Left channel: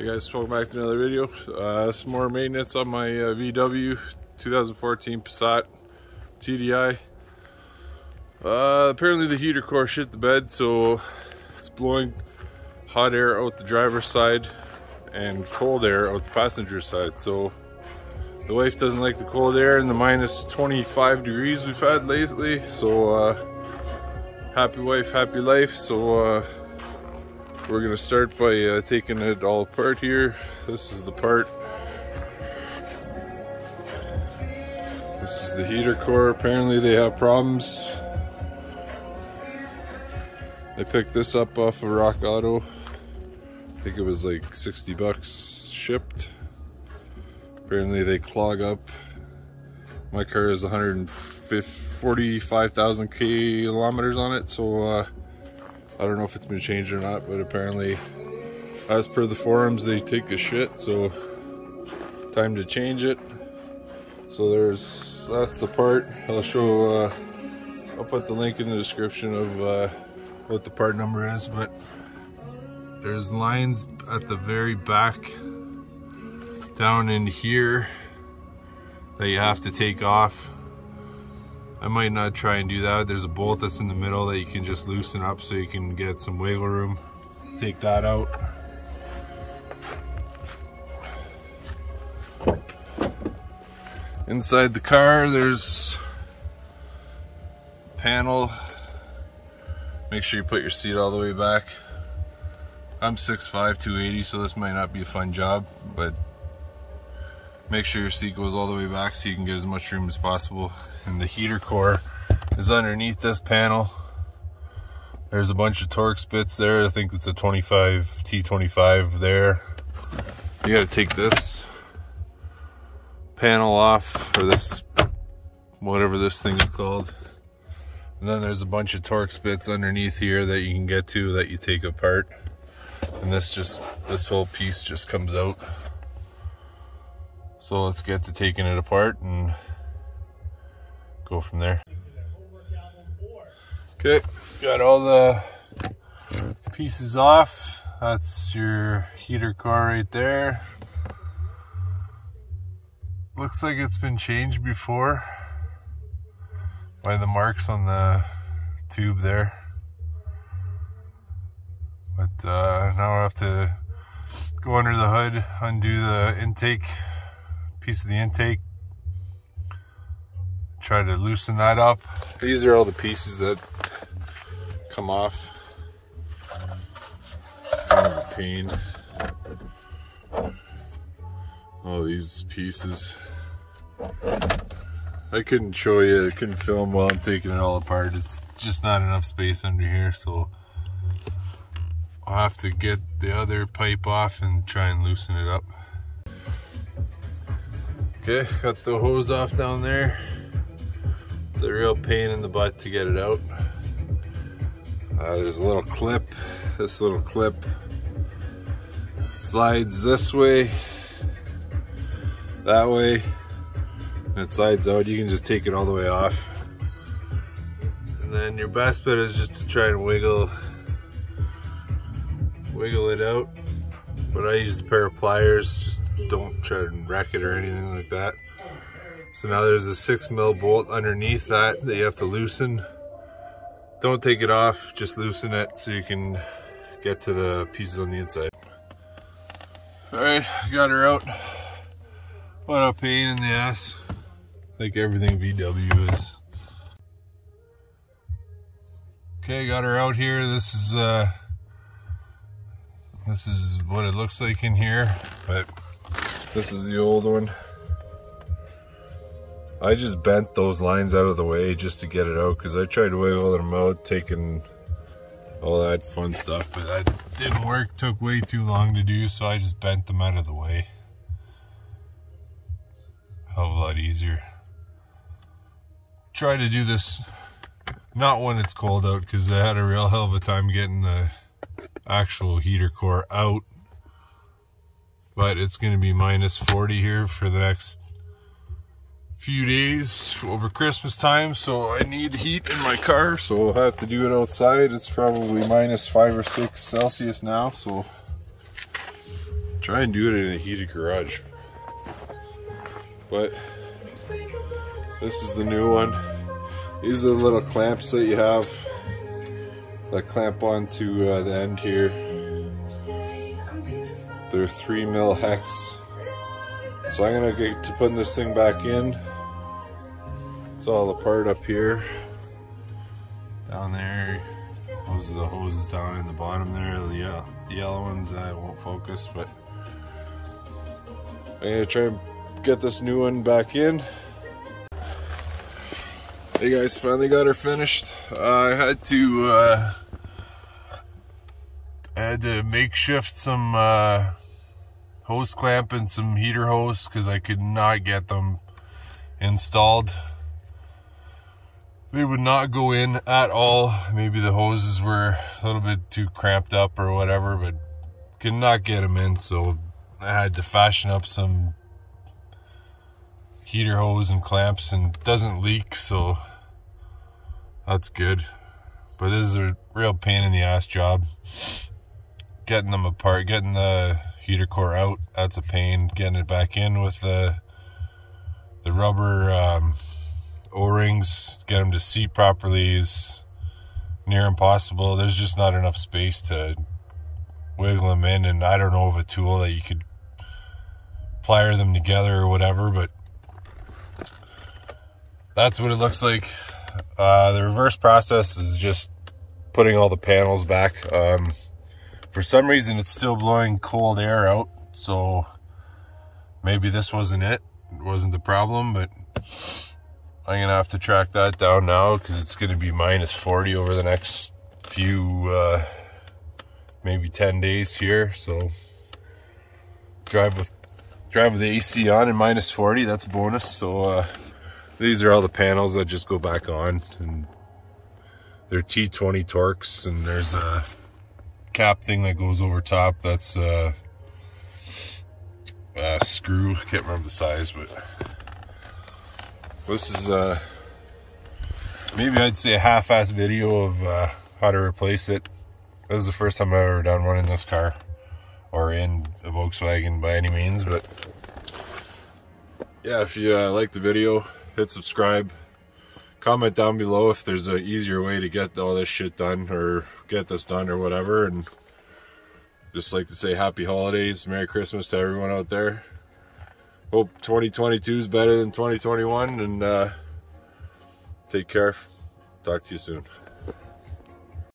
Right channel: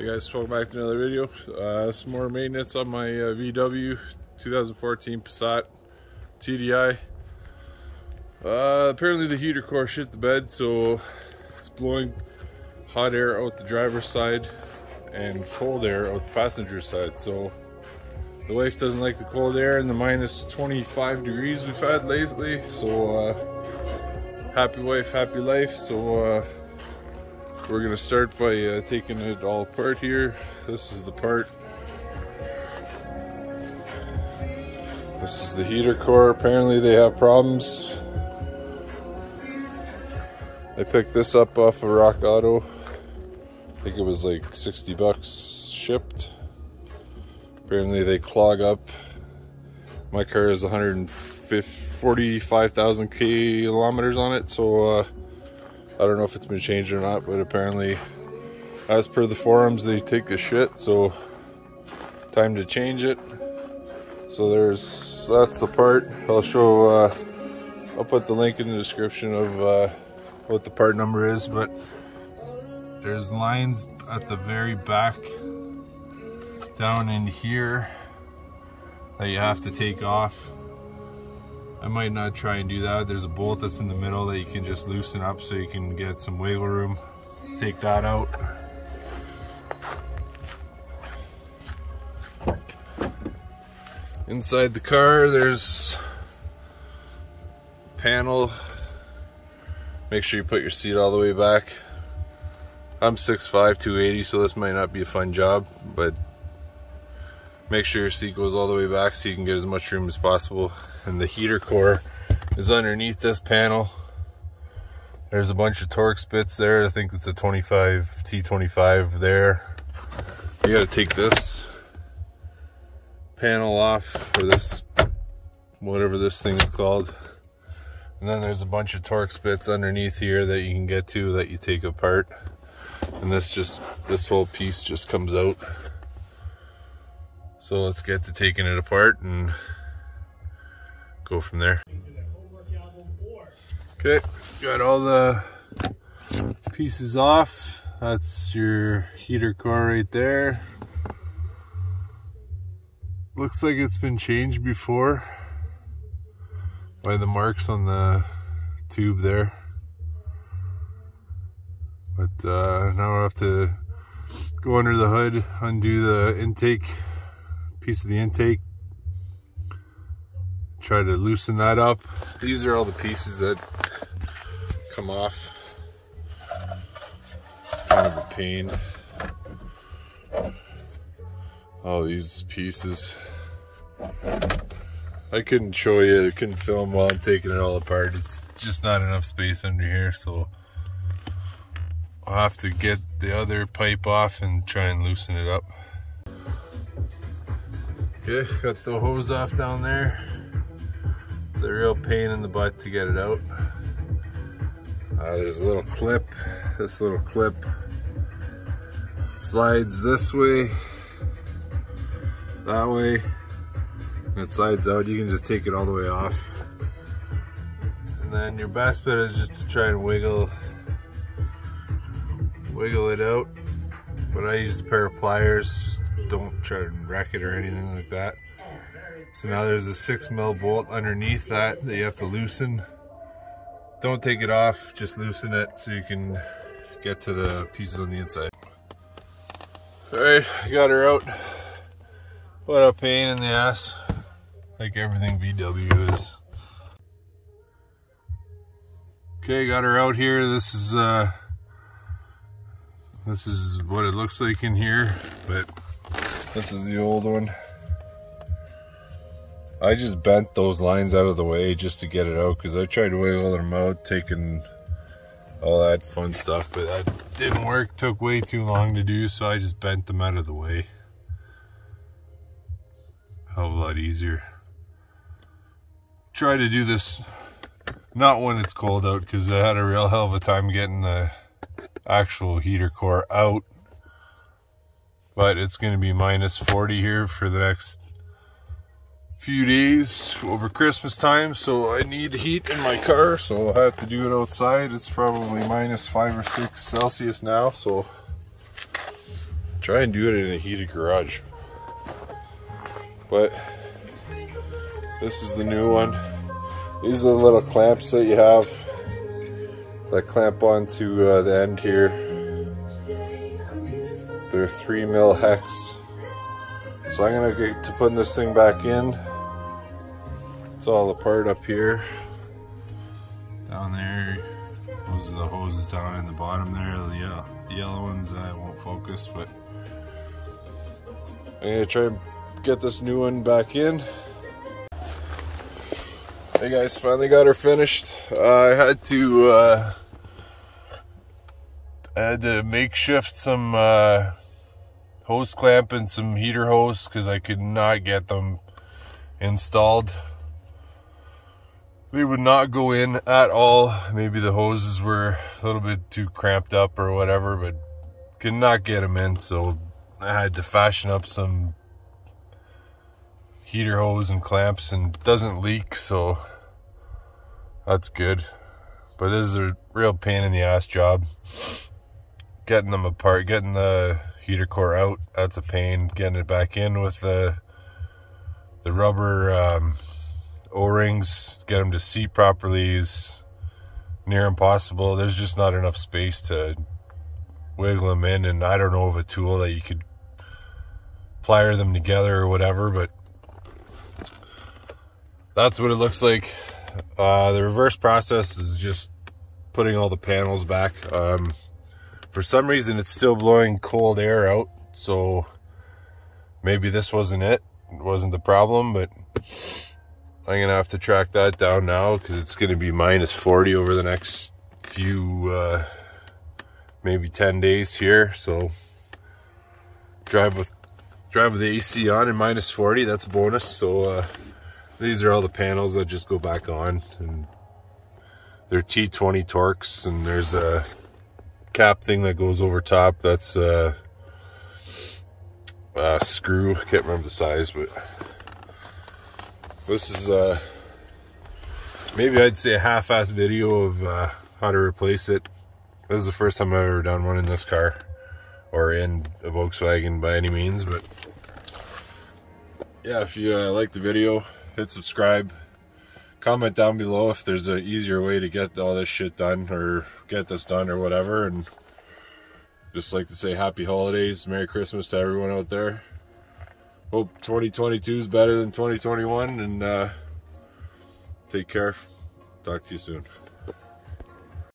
Hey guys, welcome back to another video. Some more maintenance on my VW 2014 Passat TDI. Apparently the heater core shit the bed, so it's blowing hot air out the driver's side and cold air out the passenger side. So the wife doesn't like the cold air and the minus 25 degrees we've had lately. So happy wife, happy life. So we're gonna start by taking it all apart here. This is the part. This is the heater core. Apparently they have problems. I picked this up off of Rock Auto. I think it was like 60 bucks shipped. Apparently they clog up. My car has 145,000 kilometers on it, so I don't know if it's been changed or not, but apparently, as per the forums, they take a shit, so time to change it. So that's the part. I'll show, I'll put the link in the description of what the part number is, but there's lines at the very back down in here that you have to take off. I might not try and do that. There's a bolt that's in the middle that you can just loosen up so you can get some wiggle room. Take that out. Inside the car, there's a panel. Make sure you put your seat all the way back. I'm 6'5", 280, so this might not be a fun job, but make sure your seat goes all the way back so you can get as much room as possible. And the heater core is underneath this panel. There's a bunch of Torx bits there. I think it's a 25 T25 there. You gotta take this panel off, or this, whatever this thing is called. And then there's a bunch of Torx bits underneath here that you can get to that you take apart. And this whole piece just comes out. So let's get to taking it apart and go from there. Okay, got all the pieces off. That's your heater core right there. Looks like it's been changed before by the marks on the tube there. But now I have to go under the hood, undo the intake, piece of the intake, try to loosen that up. These are all the pieces that come off. It's kind of a pain. All these pieces. I couldn't show you, I couldn't film while I'm taking it all apart. It's just not enough space under here, so I'll have to get the other pipe off and try and loosen it up. Okay, got the hose off down there. It's a real pain in the butt to get it out. There's a little clip. This little clip slides this way, that way, and it slides out. You can just take it all the way off. And then your best bet is just to try and wiggle it out. But I used a pair of pliers, just don't try to wreck it or anything like that. So now there's a 6mm bolt underneath that you have to loosen. Don't take it off, just loosen it so you can get to the pieces on the inside. Alright, got her out. What a pain in the ass, like everything VW is. Okay, got her out here. This is what it looks like in here, but this is the old one. I just bent those lines out of the way just to get it out, because I tried to wiggle them out, taking all that fun stuff, but that didn't work. Took way too long to do, so I just bent them out of the way. Hell of a lot easier. Try to do this not when it's cold out, because I had a real hell of a time getting the actual heater core out. But it's going to be minus 40 here for the next few days over Christmas time, so I need heat in my car, so I'll have to do it outside. It's probably minus 5 or 6 Celsius now, so try and do it in a heated garage. But this is the new one. These are the little clamps that you have that clamp onto the end here. They're 3mm hex. So I'm gonna get to putting this thing back in. It's all apart up here. Down there, those are the hoses down in the bottom there. The yellow ones, I won't focus, but I'm gonna try and get this new one back in. Hey guys, finally got her finished. I had to makeshift some hose clamp and some heater hose because I could not get them installed. They would not go in at all. Maybe the hoses were a little bit too cramped up or whatever, but could not get them in, so I had to fashion up some heater hose and clamps, and it doesn't leak, so that's good. But this is a real pain in the ass job. Getting them apart, getting the heater core out, that's a pain. Getting it back in with the rubber O-rings, get them to seat properly is near impossible. There's just not enough space to wiggle them in, and I don't know of a tool that you could plier them together or whatever, but that's what it looks like. The reverse process is just putting all the panels back. For some reason it's still blowing cold air out, so maybe this wasn't the problem, but I'm gonna have to track that down now because it's gonna be -40 over the next few maybe 10 days here. So drive with the AC on and -40, that's a bonus. So these are all the panels that just go back on, and they're T20 Torx, and there's a cap thing that goes over top. That's a screw. I can't remember the size, but this is maybe I'd say a half-assed video of how to replace it. This is the first time I've ever done one in this car, or in a Volkswagen by any means. But yeah, if you like the video, hit subscribe. Comment down below if there's an easier way to get all this shit done, or get this done, or whatever. And just like to say happy holidays, Merry Christmas to everyone out there. Hope 2022 is better than 2021, and take care. Talk to you soon.